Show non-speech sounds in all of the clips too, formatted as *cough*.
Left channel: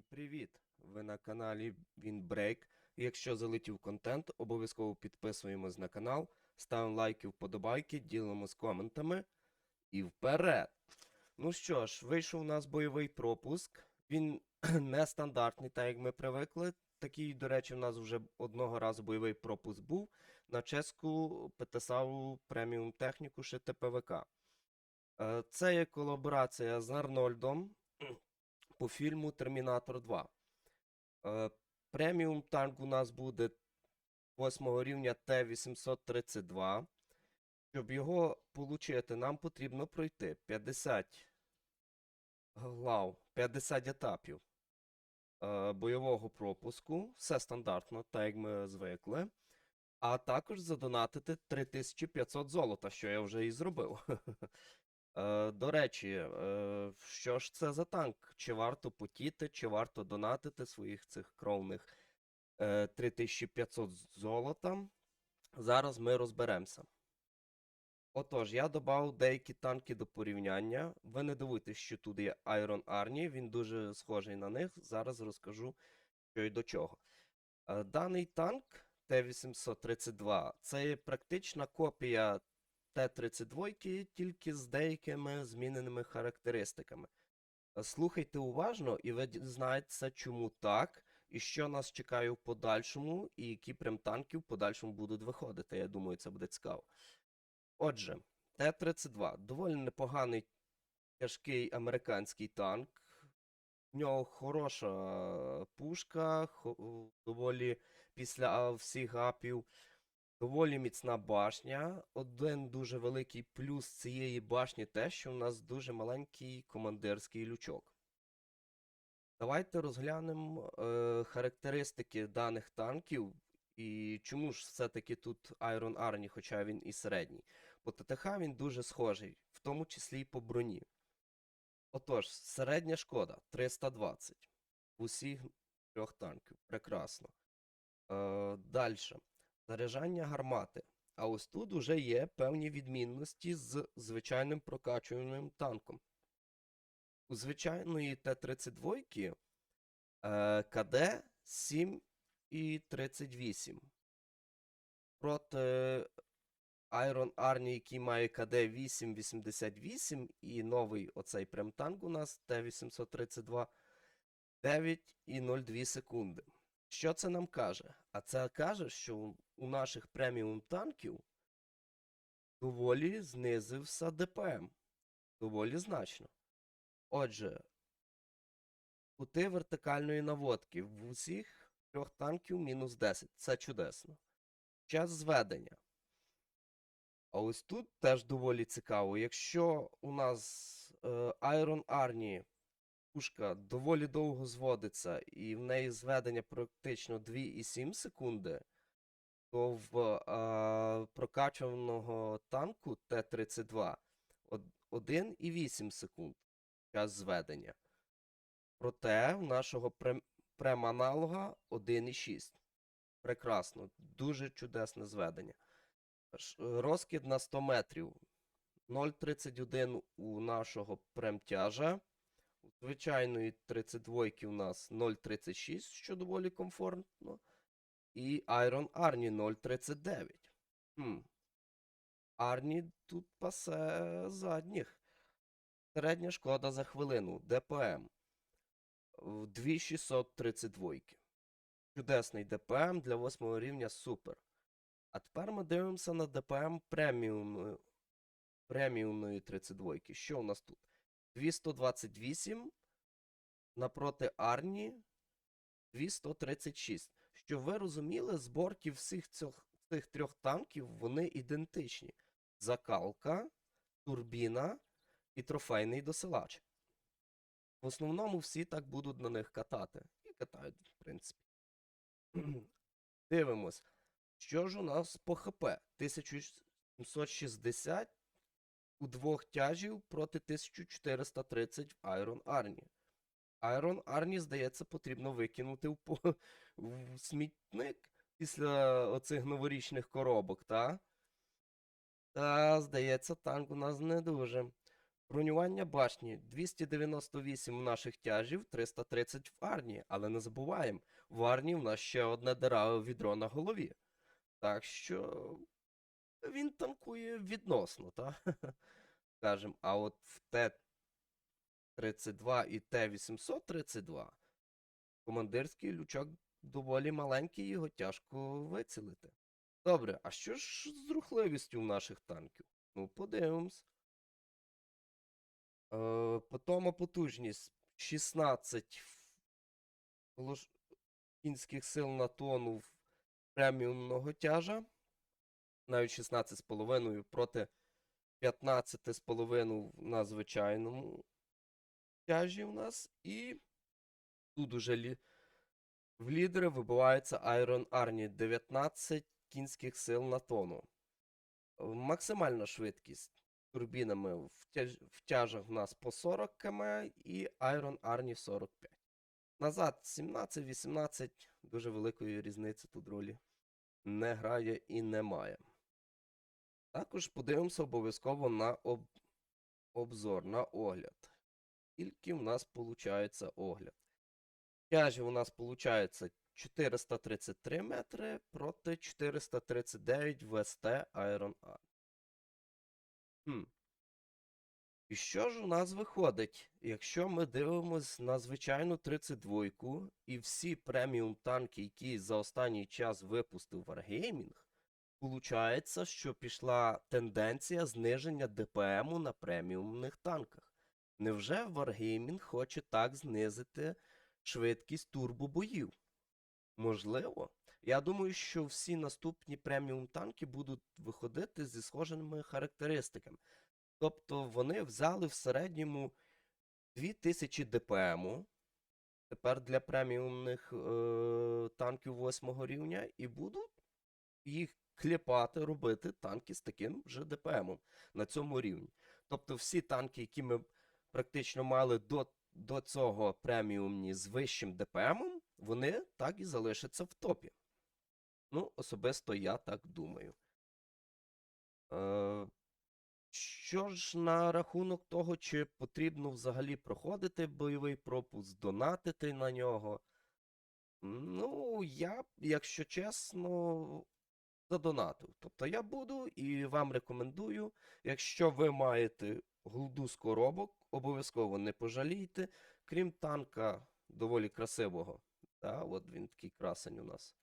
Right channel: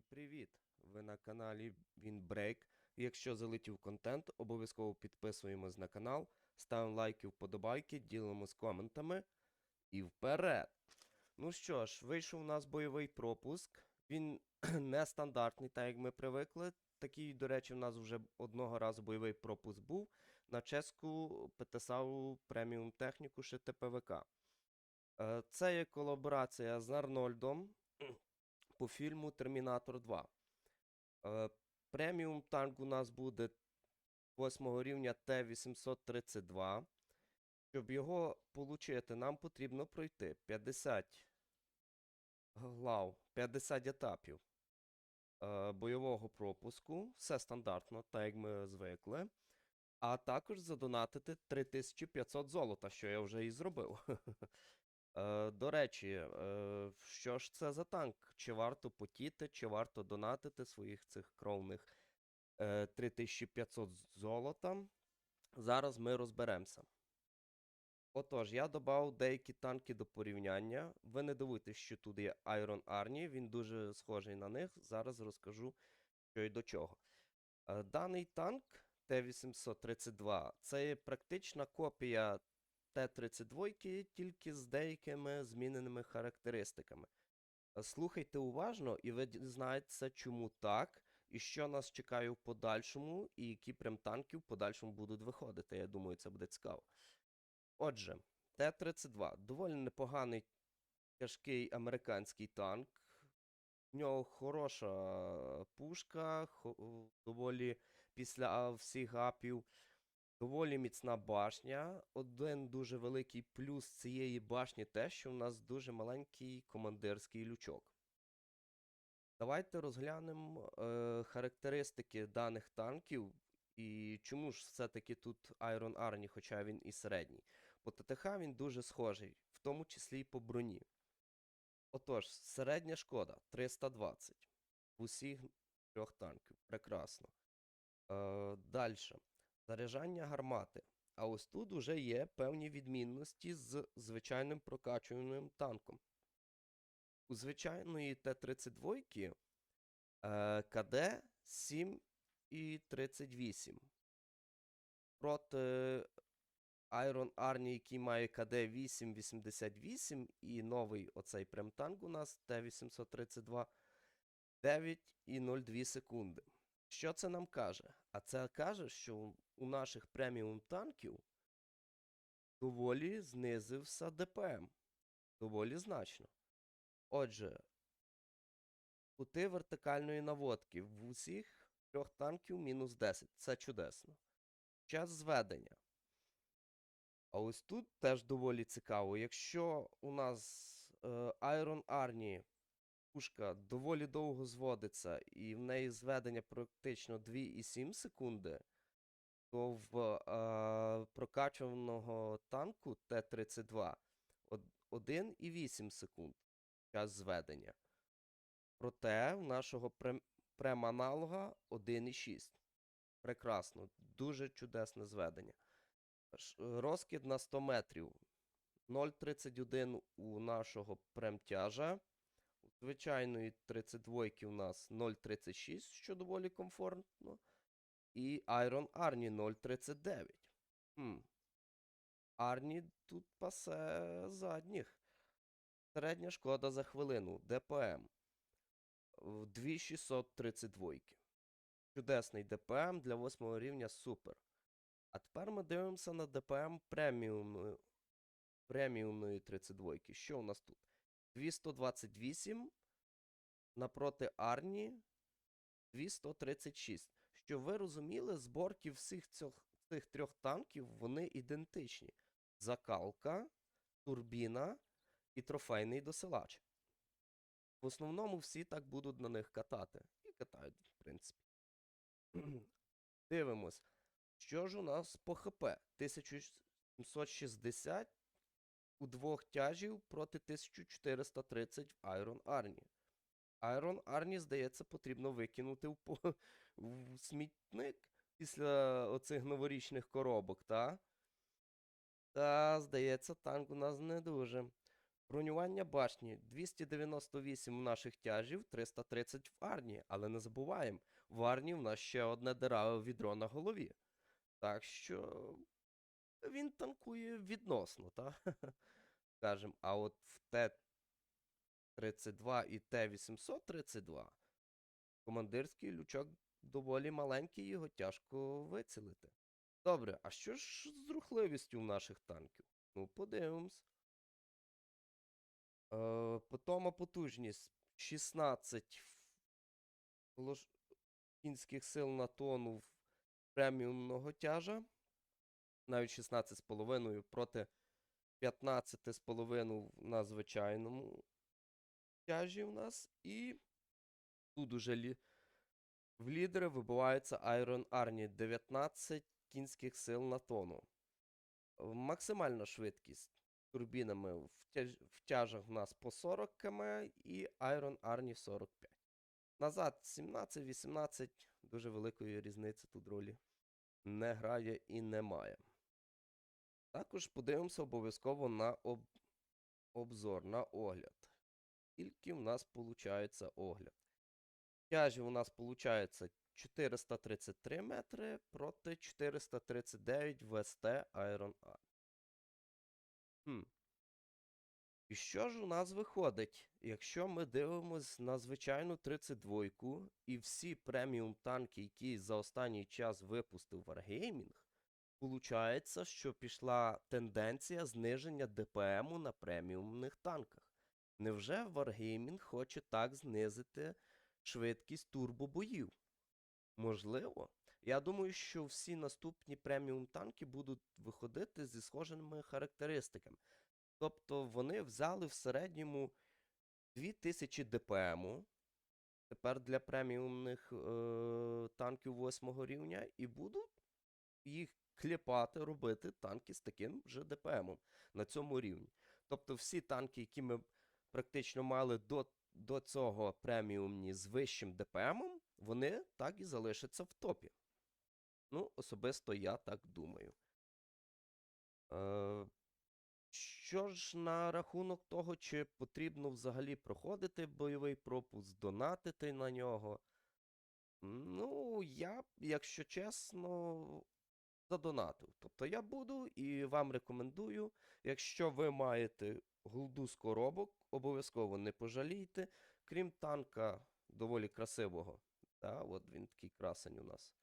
привіт! Ви на каналі Windbreak. Якщо залетів контент, обов'язково підписуємось на канал, ставимо лайки, вподобайки, ділимось коментами і вперед! Ну що ж, вийшов у нас бойовий пропуск. Він *clears throat* нестандартний, так як ми привикли. Такий, до речі, у нас вже одного разу бойовий пропуск був на чеську ПТСАУ преміум техніку ще ТПВК. Е, Це є колаборація з Арнольдом по фільму Термінатор 2. Е, Преміум танк у нас буде 8 рівня Т-832. Щоб його отримати, нам потрібно пройти 50 глав, 50 етапів е, бойового пропуску. Все стандартно, так як ми звикли. А також задонатити 3500 золота, що я вже і зробив. *laughs* Е, До речі, е, що ж це за танк? Чи варто потіти, чи варто донатити своїх цих кровних е, 3500 золота? Зараз ми розберемося. Отож, я додав деякі танки до порівняння. Ви не дивуйтесь, що тут є Iron Arnie, він дуже схожий на них. Зараз розкажу, що й до чого. Е, Даний танк Т-832 це практична копія Т-32, тільки з деякими зміненими характеристиками. Е, Слухайте уважно, і ви дізнаєтеся, чому так, і що нас чекає в подальшому, і які прям танки в подальшому будуть виходити. Я думаю, це буде цікаво. Отже, Т-32 доволі непоганий тяжкий американський танк. В нього хороша е, пушка, доволі після всіх гапів. Доволі міцна башня. Один дуже великий плюс цієї башні те, що у нас дуже маленький командирський лючок. Давайте розглянемо е, характеристики даних танків і чому ж все-таки тут Iron Arnie, хоча він і середній. По ТТХ він дуже схожий, в тому числі й по броні. Отож, середня шкода 320 усіх трьох танків. Прекрасно. Е, Далі. Заряджання гармати. А ось тут уже є певні відмінності з звичайним прокачуваним танком. У звичайної Т-32 е, КД 7,38. Проти Iron Arnie, який має КД 8,88, і новий оцей прям танк у нас Т-832 9,02 секунди. Що це нам каже? А це каже, що у- наших преміум танків доволі знизився ДПМ. Доволі значно. Отже, кути вертикальної наводки в усіх трьох танків мінус 10. Це чудесно. Час зведення. А ось тут теж доволі цікаво. Якщо у нас е, Iron Arnie пушка доволі довго зводиться, і в неї зведення практично 2,7 секунди, то в е, прокачуваного танку Т-32 1,8 секунд час зведення. Проте в нашого прем- прем-аналога 1,6. Прекрасно, дуже чудесне зведення. Розкид на 100 метрів. 0,31 у нашого премтяжа. Звичайної 32 у нас 0,36, що доволі комфортно. І Iron Arnie 0,39. Хм. Арні тут пасе задніх. Середня шкода за хвилину. ДПМ. В 2632. Чудесний ДПМ для 8 рівня супер. А тепер ми дивимося на ДПМ преміумної, преміумної 32. Що у нас тут? 228 напроти Арні 236. Щоб ви розуміли, зборки всіх цих, цих трьох танків вони ідентичні. Закалка, турбіна і трофейний досилач. В основному всі так будуть на них катати. І катають, в принципі. Дивимось. Що ж у нас по ХП? 1760 у двох тяжів проти 1430 в Iron Arnie. Iron Arnie, здається, потрібно викинути в, в смітник після оцих новорічних коробок, та? Та, здається, танк у нас не дуже. Бронювання башні 298 в наших тяжів, 330 в арні. Але не забуваємо, в арні в нас ще одне дераве відро на голові. Так що він танкує відносно, так? *laughs* Скажем, а от в Т-32 і Т-832 командирський лючок доволі маленький, його тяжко вицілити. Добре, а що ж з рухливістю наших танків? Ну, подивимось. Е, Питома потужність 16 кінських сил на тонну в преміумного тяжа. Навіть 16,5 проти 15,5 на звичайному тяжі у нас. І тут уже лі... в лідери вибивається Iron Arnie 19 кінських сил на тонну. Е, Максимальна швидкість турбінами в, тяж... в тяжах в нас по 40 км і Iron Arnie 45. Назад 17-18, дуже великої різниці тут ролі не грає і немає. Також подивимося обов'язково на об... обзор, на огляд. Скільки в нас виходить огляд? Тяжі у нас виходить 433 метри проти 439 в СТ Iron A. Хм. І що ж у нас виходить, якщо ми дивимось на звичайну 32-ку і всі преміум танки, які за останній час випустив Wargaming, Получається, що пішла тенденція зниження ДПМу на преміумних танках. Невже Wargaming хоче так знизити швидкість турбобоїв? Можливо. Я думаю, що всі наступні преміум танки будуть виходити зі схожими характеристиками. Тобто вони взяли в середньому 2000 ДПМу тепер для преміумних е- танків 8 рівня і будуть їх кліпати, робити танки з таким же ДПМом на цьому рівні. Тобто всі танки, які ми практично мали до, до цього преміумні з вищим ДПМом, вони так і залишаться в топі. Ну, особисто я так думаю. Е, що ж на рахунок того, чи потрібно взагалі проходити бойовий пропуск, донатити на нього? Ну, я, якщо чесно, задонатив. Тобто я буду і вам рекомендую, якщо ви маєте голду з коробок, обов'язково не пожалійте. Крім танка доволі красивого. Та, от він такий красень у нас.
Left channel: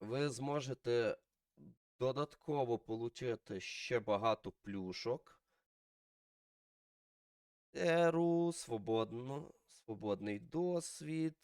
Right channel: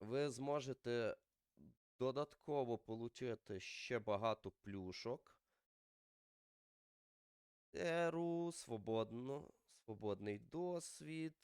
Ви зможете додатково отримати ще багато плюшок. Еру, свободно, свободний досвід,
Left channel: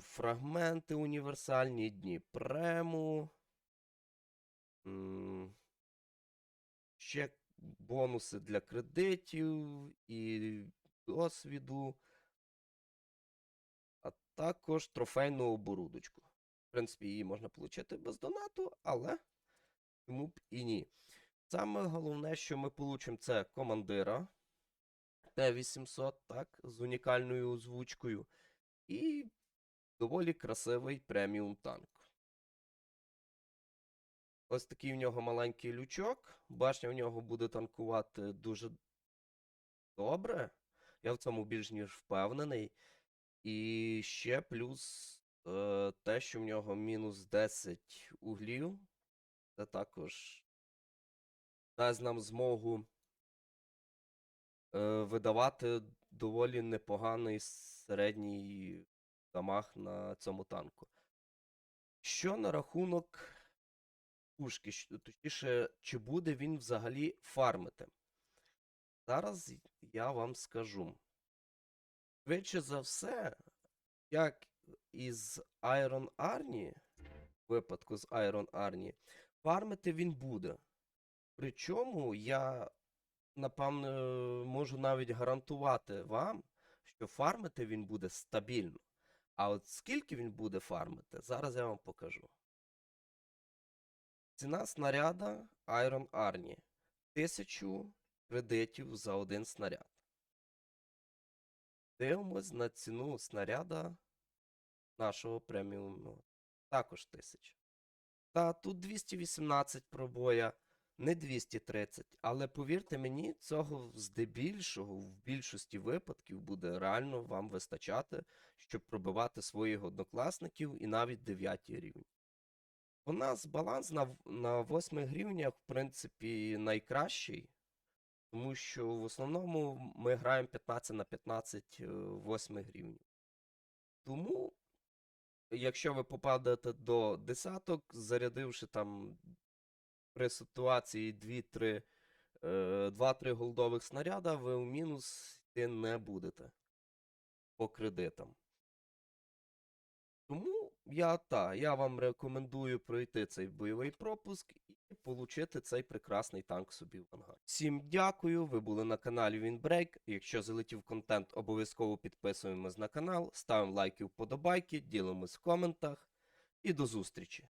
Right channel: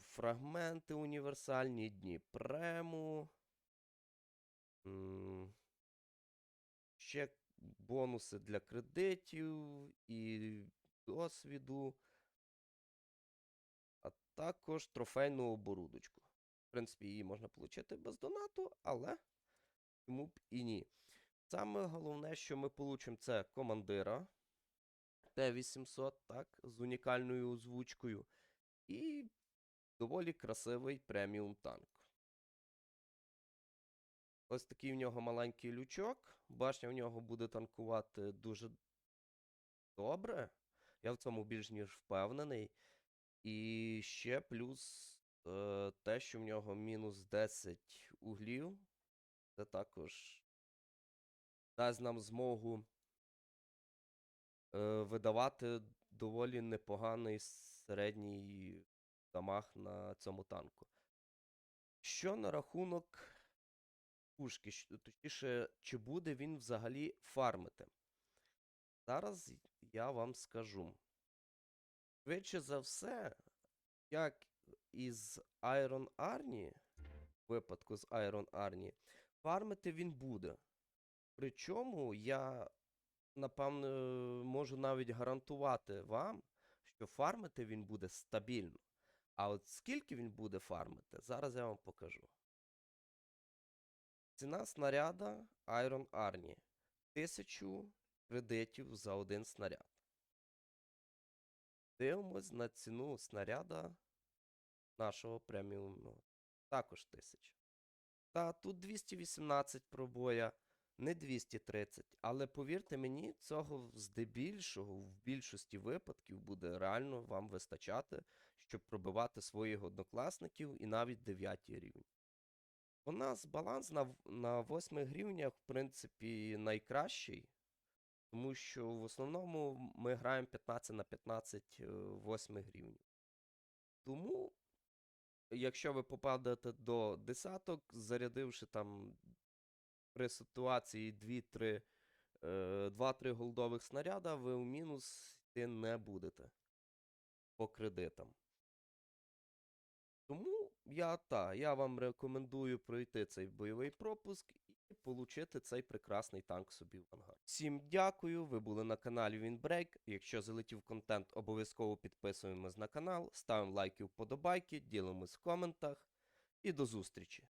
фрагменти універсальні, дні прему. Ще бонуси для кредитів і досвіду. А також трофейну оборудочку. В принципі, її можна отримати без донату, але чому б і ні. Саме головне, що ми получимо, це командира Т-800, так, з унікальною озвучкою. І доволі красивий преміум танк. Ось такий в нього маленький лючок. Башня в нього буде танкувати дуже добре. Я в цьому більш ніж впевнений. І ще плюс е, те, що в нього мінус 10 углів. Це також дасть нам змогу е, видавати доволі непоганий середній дамаг на цьому танку. Що на рахунок пушки, точніше, чи буде він взагалі фармити? Зараз я вам скажу. Швидше за все, як із Iron Arnie, в випадку з Iron Arnie, фармити він буде. Причому я, напевно, можу навіть гарантувати вам, що фармити він буде стабільно. А от скільки він буде фармити, зараз я вам покажу. Ціна снаряда Iron Arnie. 1000 кредитів за один снаряд. Дивимось на ціну снаряда нашого преміумного. Також 1000. Та тут 218 пробоя. Не 230, але повірте мені, цього здебільшого в більшості випадків буде реально вам вистачати, щоб пробивати своїх однокласників і навіть 9 рівень. У нас баланс на, на 8 гривнях, в принципі, найкращий, тому що в основному ми граємо 15 на 15 е, 8 гривень. Тому, якщо ви попадете до десяток, зарядивши там при ситуації 2-3 е, 2-3 голдових снаряда, ви в мінус йти не будете по кредитам. Тому я та, я вам рекомендую пройти цей бойовий пропуск і отримати цей прекрасний танк собі в ангар. Всім дякую, ви були на каналі Windbreak. Якщо залетів контент, обов'язково підписуємось на канал, ставимо лайки, вподобайки, ділимось в коментах і до зустрічі!